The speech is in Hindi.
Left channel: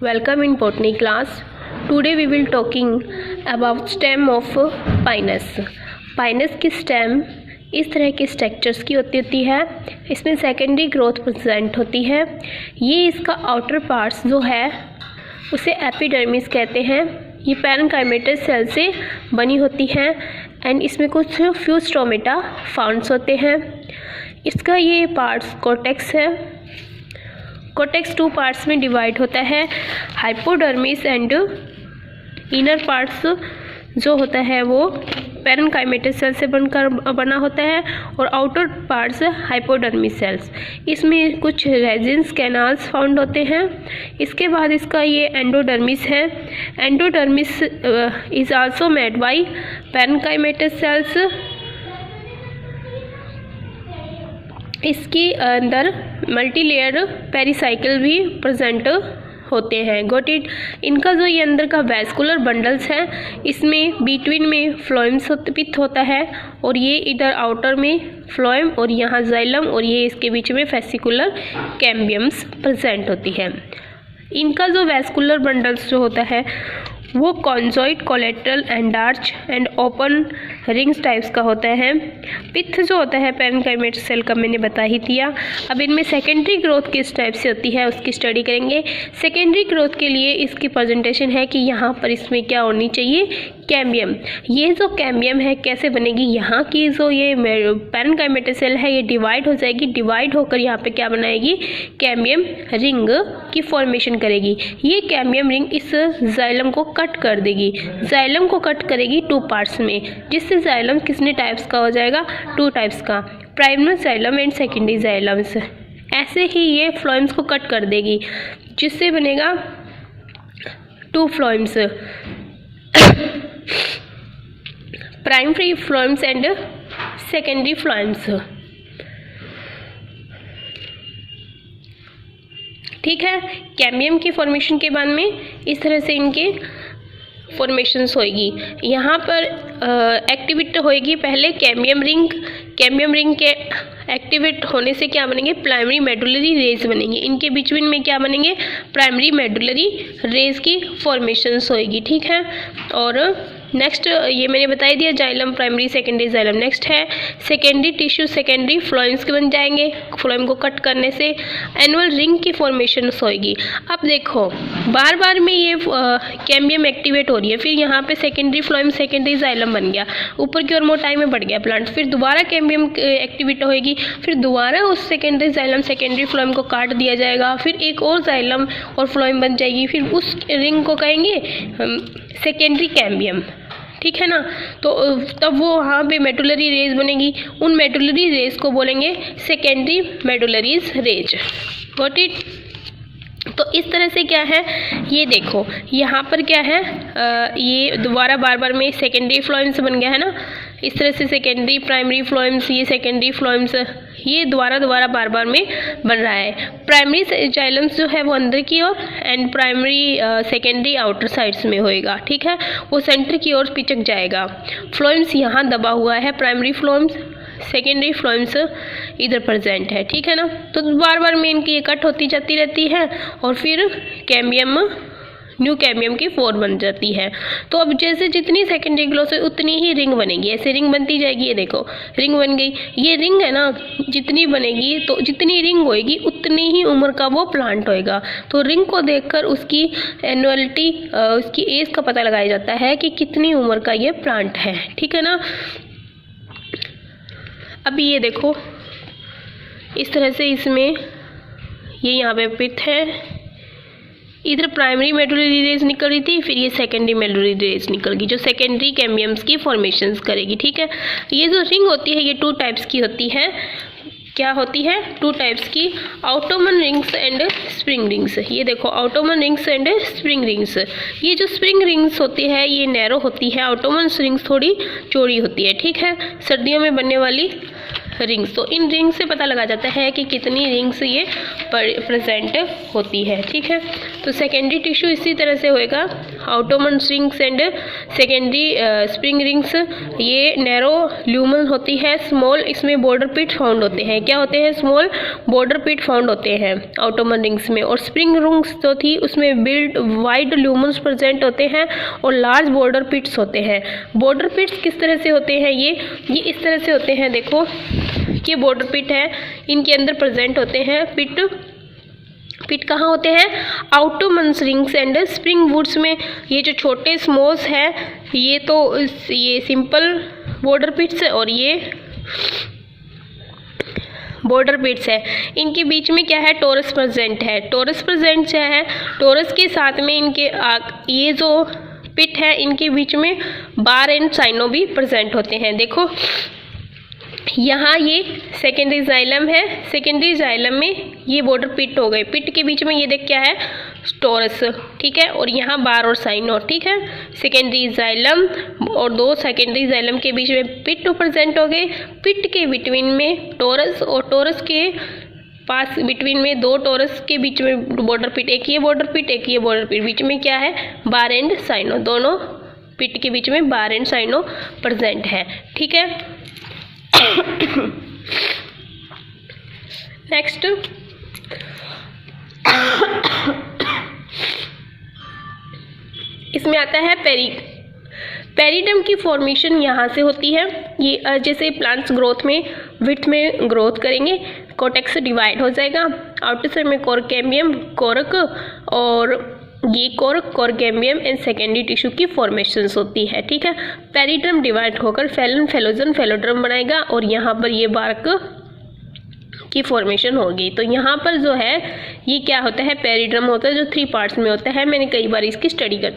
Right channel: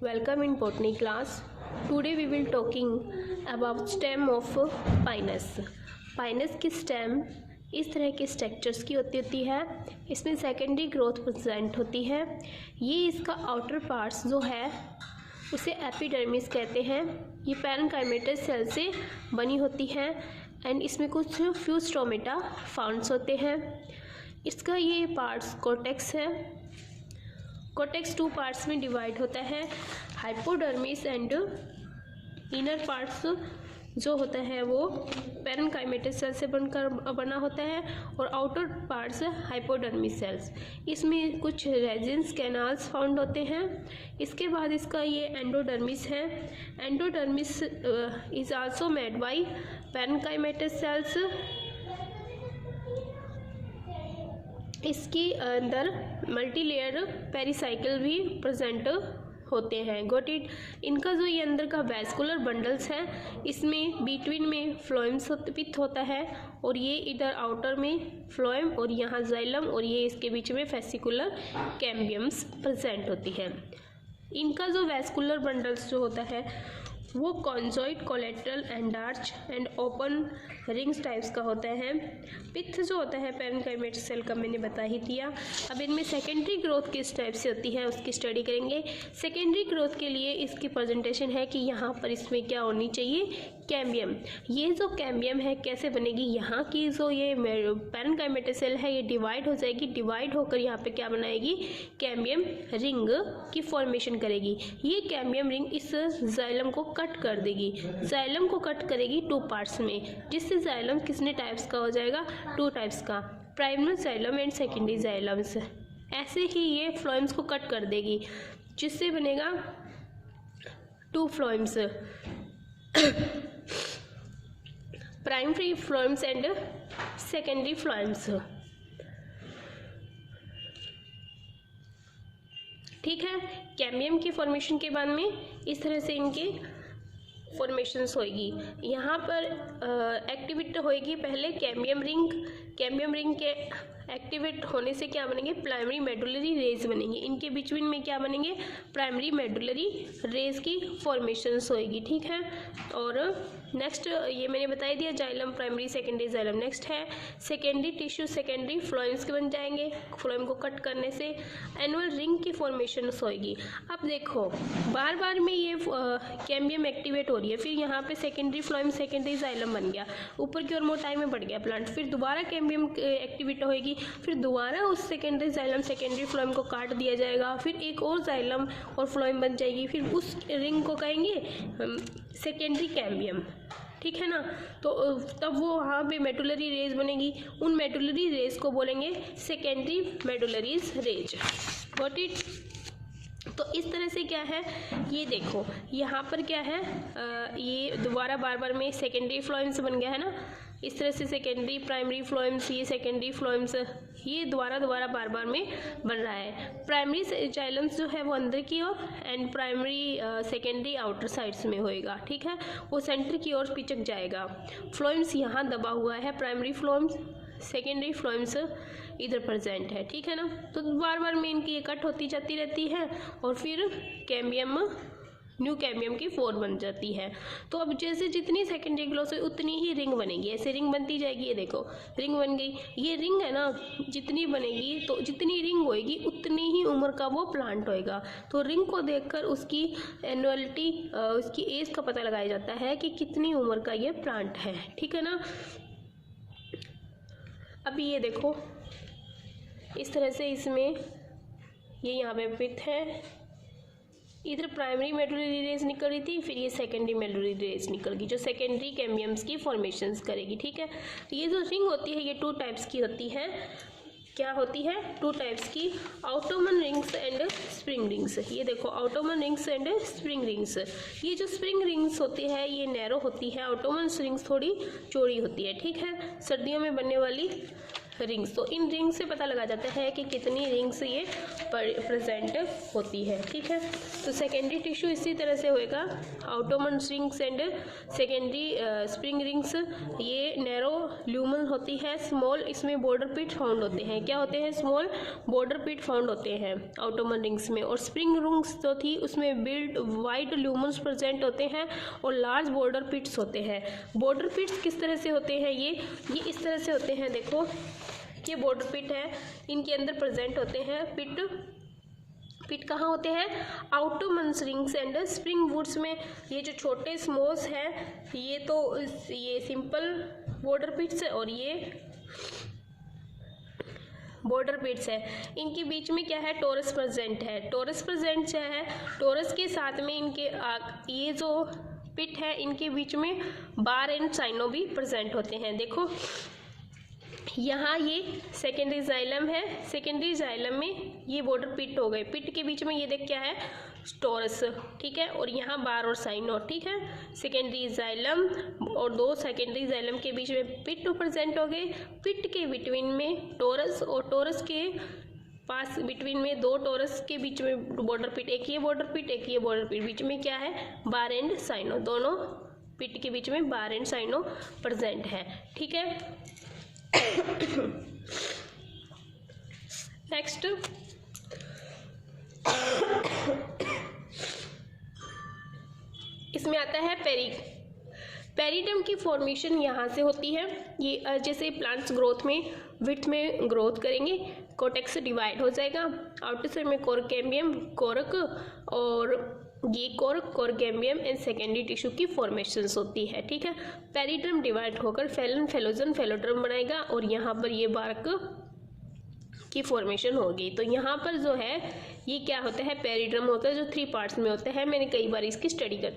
Welcome in botany class. Today we will talking about stem of pinus. Pinus की स्टेम इस तरह के स्ट्रक्चर्स की होती है। इसमें सेकेंडरी ग्रोथ प्रेजेंट होती है। ये इसका आउटर पार्ट्स जो है उसे एपिडर्मिस कहते हैं। ये पैरेन्काइमेटस सेल से बनी होती है एंड इसमें कुछ फ्यू स्टोमेटा फाउंड्स होते हैं। इसका ये पार्ट्स कॉर्टेक्स है। कॉर्टेक्स 2 पार्ट्स में डिवाइड होता है, हाइपोडर्मिस एंड इनर पार्ट्स जो होता है वो पैरेन्काइमेटस सेल से बना होता है और आउटर पार्ट्स हाइपोडर्मिस सेल्स। इसमें कुछ रेजिन्स कैनाल्स फाउंड होते हैं। इसके बाद इसका ये एंडोडर्मिस है। Endodermis is also made by parenchymatous sales. इसके अंदर मल्टीलेयर पेरिसाइकिल भी प्रेजेंट होते हैं। Got it. इनका जो ये अंदर का वैस्कुलर बंडल्स है इसमें बिटवीन में फ्लोएम्स पित्त होता है और ये इधर आउटर में फ्लोएम और यहाँ जाइलम और ये इसके बीच में फेसिकुलर कैम्बियम्स प्रेजेंट होती है। इनका जो वैस्कुलर बंडल्स जो होता है वो conjoint, collateral, endarch and open rings types का होता है। पित्त जो होता है पैरेन्काइमेटस सेल का मैंने बता ही दिया। अब इनमें सेकेंडरी ग्रोथ किस टाइप से होती है उसकी स्टडी करेंगे। सेकेंडरी ग्रोथ के लिए इसकी प्रेजेंटेशन है कि यहाँ पर इसमें क्या होनी चाहिए, कैम्बियम। ये जो कैम्बियम है कैसे बनेगी, यहाँ की जो ये पैरेन्काइमेटस सेल है ये डिवाइड हो जाएगी। डिवाइड होकर यहाँ पे क्या बनाएगी, कैम्बियम रिंग की फॉर्मेशन करेगी। ये कैम्बियम रिंग इस जाइलम को कट कर देगी। जाइलम को कट करेगी 2 पार्ट्स में, जिससे जाइलम कितने टाइप्स का हो जाएगा, 2 टाइप्स का, प्राइमरी जाइलम एंड सेकेंडरी जाइलम्स। ऐसे ही ये फ्लोएम्स को कट कर देगी जिससे बनेगा 2 phloems, primary phloems and secondary phloems. ठीक है। कैम्बियम की फॉर्मेशन के बाद में इस तरह से इनके फॉर्मेशंस होएगी। यहाँ पर एक्टिवेट होएगी पहले कैम्बियम रिंग। कैम्बियम रिंग के एक्टिवेट होने से क्या बनेंगे, प्राइमरी मेडुलरी रेज बनेंगे। इनके बीच में क्या बनेंगे, प्राइमरी मेडुलरी रेज की फॉर्मेशंस होएगी। ठीक है। और नेक्स्ट ये मैंने बता ही दिया, xylem primary secondary xylem. Next है सेकेंडरी टिश्यू, सेकेंडरी फ्लोएम्स के बन जाएंगे। फ्लोएम को कट करने से एनुअल रिंग की फॉर्मेशन होएगी। अब देखो बार बार में ये कैम्बियम एक्टिवेट हो रही है, फिर यहाँ पे सेकेंडरी फ्लोएम सेकेंडरी जाइलम बन गया, ऊपर की ओर मोटाई में बढ़ गया प्लांट। फिर दोबारा कैम्बियम एक्टिवेट होएगी, फिर दोबारा उस सेकेंडरी जाइलम सेकेंडरी फ्लोएम को काट दिया जाएगा, फिर एक और जाइलम और फ्लोएम बन जाएगी, फिर उस रिंग को कहेंगे सेकेंडरी कैम्बियम। ठीक है ना। तो तब वो वहाँ पे मेडुलरी रेज बनेगी, उन मेडुलरी रेज को बोलेंगे secondary medullaries rays. Got it. तो इस तरह से क्या है, ये देखो यहाँ पर क्या है, ये दोबारा बार बार में सेकेंडरी फ्लोएम्स बन गया है ना। इस तरह से सेकेंडरी प्राइमरी फ्लोएम्स, ये सेकेंडरी फ्लोएम्स, ये दोबारा बार बार में बन रहा है। प्राइमरी जाइलम्स जो है वो अंदर की ओर and primary secondary outer sides में होएगा। ठीक है। वो सेंटर की ओर पिचक जाएगा। फ्लोएम्स यहाँ दबा हुआ है, प्राइमरी फ्लोएम्स, सेकेंडरी फ्लोएम्स इधर प्रेजेंट है। ठीक है ना। तो बार बार में इनकी ये कट होती जाती रहती है और फिर कैम्बियम न्यू कैम्बियम की फॉर्म बन जाती है। तो अब जैसे जितनी सेकेंडरी ग्रोथ है उतनी ही रिंग बनेगी, ऐसे रिंग बनती जाएगी। ये देखो रिंग बन गई। ये रिंग है ना, जितनी बनेगी तो जितनी रिंग होएगी उतनी ही उम्र का वो प्लांट होएगा। तो रिंग को देखकर उसकी एनुअलिटी, उसकी एज का पता लगाया जाता है कि कितनी उम्र का ये प्लांट है। ठीक है ना। अभी ये देखो इस तरह से इसमें ये यहाँ पे पित्त है, इधर प्राइमरी मेडुलरी रेज निकल रही थी, फिर ये सेकेंडरी मेडुलरी रेज निकल गई जो सेकेंडरी कैम्बियम्स की फॉर्मेशंस करेगी। ठीक है। ये जो रिंग होती है ये 2 टाइप्स की होती है। क्या होती है, 2 टाइप्स की, Ottoman rings and spring rings. ये देखो Ottoman rings and spring rings. ये जो स्प्रिंग रिंग्स होती है ये नैरो होती है, ऑटोमन रिंग्स थोड़ी चौड़ी होती है। ठीक है। सर्दियों में बनने वाली रिंग्स। तो इन रिंग्स से पता लगा जाता है कि कितनी रिंग्स ये प्रेजेंट होती है, ठीक है। तो सेकेंडरी टिश्यू इसी तरह से होएगा, Ottomans rings and secondary spring rings. ये नैरो ल्यूमन होती है, स्मॉल इसमें बॉर्डर पिट फाउंड होते हैं। क्या होते हैं? स्मॉल बॉर्डर पिट फाउंड होते हैं ऑटोमन रिंग्स में। और स्प्रिंग रिंग्स जो थी उसमें बिल्ड वाइड ल्यूमन्स प्रेजेंट होते हैं और लार्ज बॉर्डर पिट्स होते हैं। बॉर्डर पिट्स किस तरह से होते हैं? ये इस तरह से होते हैं, देखो ये बॉर्डर पिट है, इनके अंदर प्रेजेंट होते हैं पिट कहाँ होते हैं? Autumns rings and spring woods में। ये जो छोटे स्मॉल्स हैं ये तो ये सिंपल बॉर्डर पिट्स है और ये बॉर्डर पिट्स है। इनके बीच में क्या है? टोरस प्रेजेंट है। टोरस प्रेजेंट क्या है? टोरस के साथ में इनके ये जो पिट है इनके बीच में बार एंड साइनो भी प्रेजेंट होते हैं। देखो यहाँ ये सेकेंडरी जाइलम है, सेकेंडरी जाइलम में ये बॉर्डर पिट हो गए, पिट के बीच में ये देख क्या है? टोरस, ठीक है। और यहाँ बार और साइनो, ठीक है। सेकेंडरी जाइलम और दो सेकेंडरी जाइलम के बीच में पिट प्रेजेंट हो गए, पिट के बिटवीन में टोरस और टोरस के पास बिटवीन में दो टोरस के बीच में बॉर्डर पिट, एक ये बॉर्डर पिट एक ये बॉर्डर पिट, बीच में क्या है? बार एंड साइनो, दोनों पिट के बीच में बार एंड साइनो प्रेजेंट है, ठीक है। नेक्स्ट इसमें आता है पेरिडम की फॉर्मेशन यहाँ से होती है। ये जैसे प्लांट्स ग्रोथ में विड्थ में ग्रोथ करेंगे, कोटेक्स डिवाइड हो जाएगा, आउटर साइड में कोरकेम्बियम कोरक और ये कोरकेम्बियम एंड सेकेंडरी टिश्यू की फॉर्मेशंस होती है, ठीक है। पेरिड्रम डिवाइड होकर फैलन फेलोजन फेलोड्रम बनाएगा और यहाँ पर ये बार्क की फॉर्मेशन होगी। तो यहाँ पर जो है ये क्या होता है? पेरिड्रम होता है जो 3 पार्ट्स में होता है। मैंने कई बार इसकी स्टडी कर